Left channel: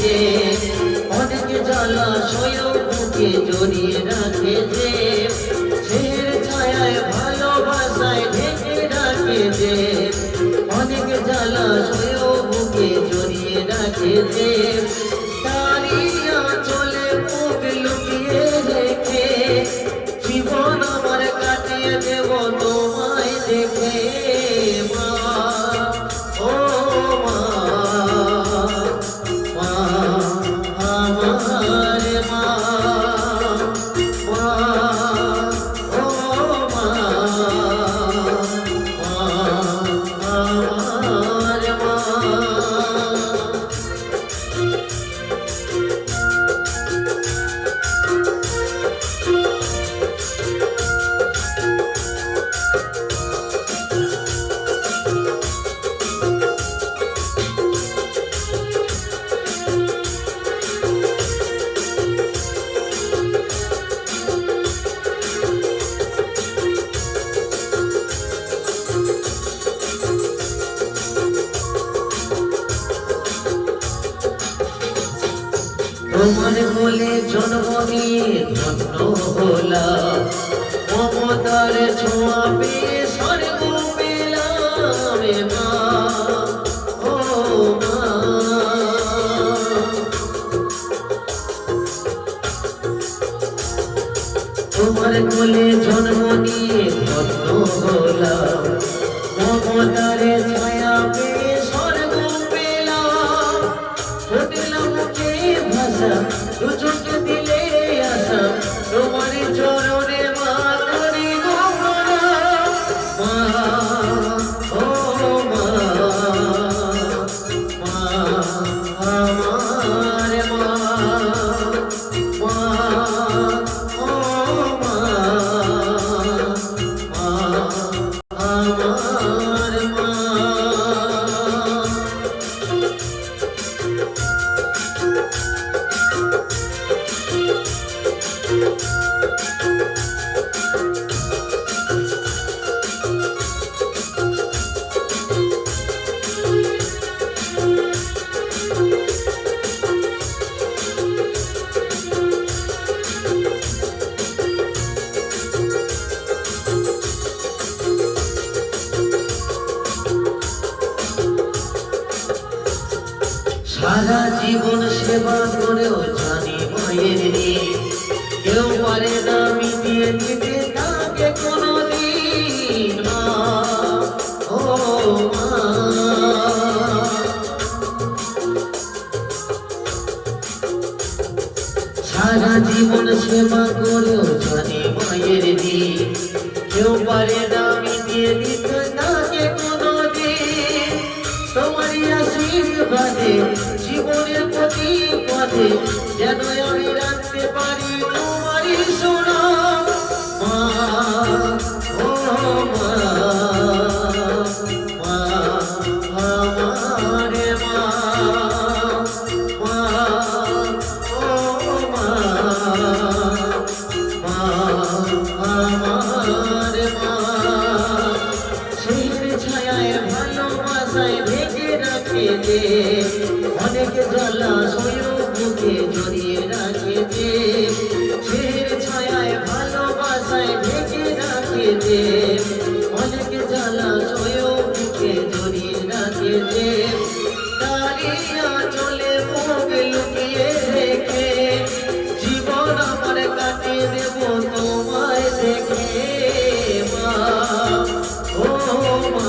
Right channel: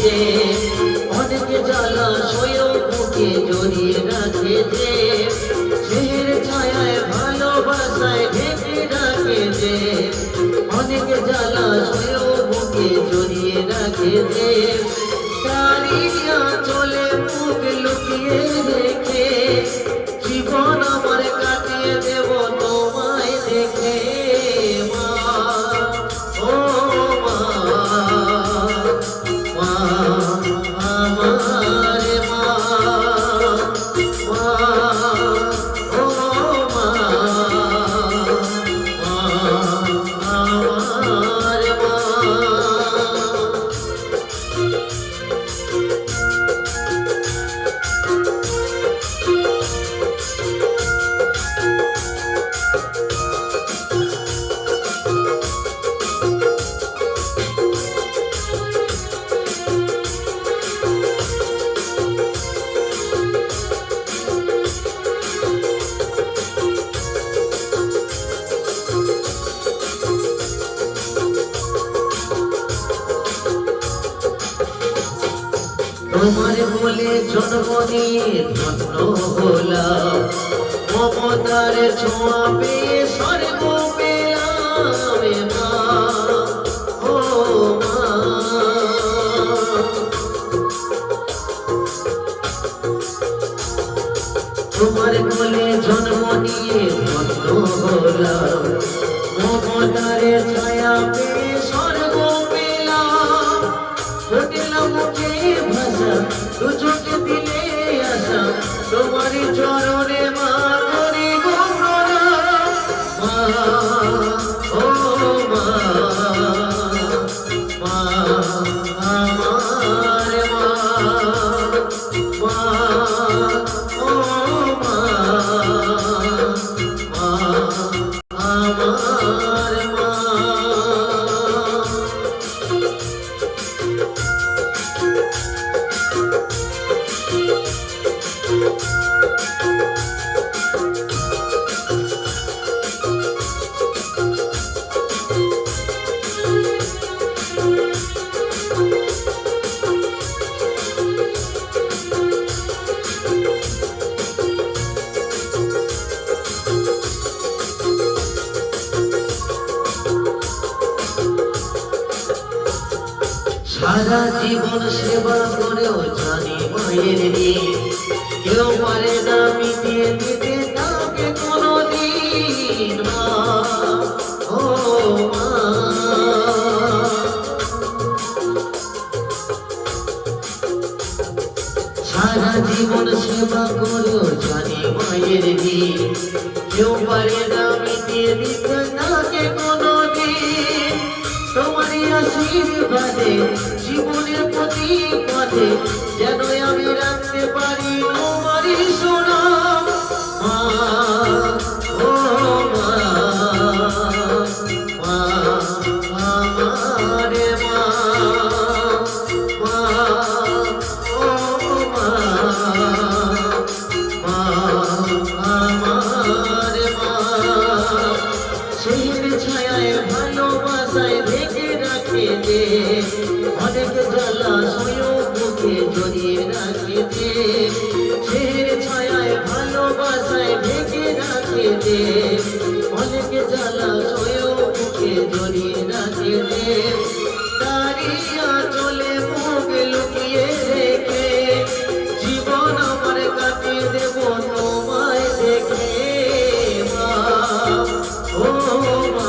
যে অনেক জলাশয় বুকে জড়িয়ে রাখে যে ছেড়ে ছায়ায় ভালোবাসায় ঢেকে রাখে যে অনেক জলাশয় বুকে জড়িয়ে রাখে যে তারি চলে মুখ লুকিয়ে রেখে জীবন আমার কাটিয়ে দেব তোমায় দেখে মা ও মা মা আমার মা মা ও মা মা আমার মা। তোমার বলে জন্ম নিয়ে ধন্য হলাম মমতার ছোঁয়া পেয়ে স্বর্গ পেলাম রে মা ও মা। তোমার বলে জন্ম নিয়ে ধন্য হলাম মমতার ছায়া পেয়ে স্বর্গ পেলাম হতেলাম ভাষা দুজনকে দিলে আসা তোমার চরণে মা করি গো মা ও মা মা আমার মা মা ও মা মা আমার মা। সারা জীবন সেবা করেও জানি মায়ের কেউ পারে না মিটিয়ে দিতে তাকে কোনোদিন মা ও মা। সারা জীবন সেবা করেও জানি মায়ের কেউ পারে না মিটিয়ে দিতে তাকে কোনোদিন তোমারই আশীর্বাদে জীবনের প্রতি পথে যেন আমি রাখতে পারি তোমারই সোনা মা ও মা মা আমার মা মা ও মা মা আমার মা। ছেড়ে ছায়ায় ভালোবাসায় ঢেকে রাখে যে অনেক জলাশয় বুকে জড়িয়ে রাখে যে ছেড়ে ছায়ায় ভালোবাসায় ঢেকে রাখে যে অনেক জলাশয় বুকে জড়িয়ে রাখে যে তারিয়া চলে মুখ লুকিয়ে রেখে জীবন আমার কাটিয়ে দেব তোমায় দেখে মা ও মা।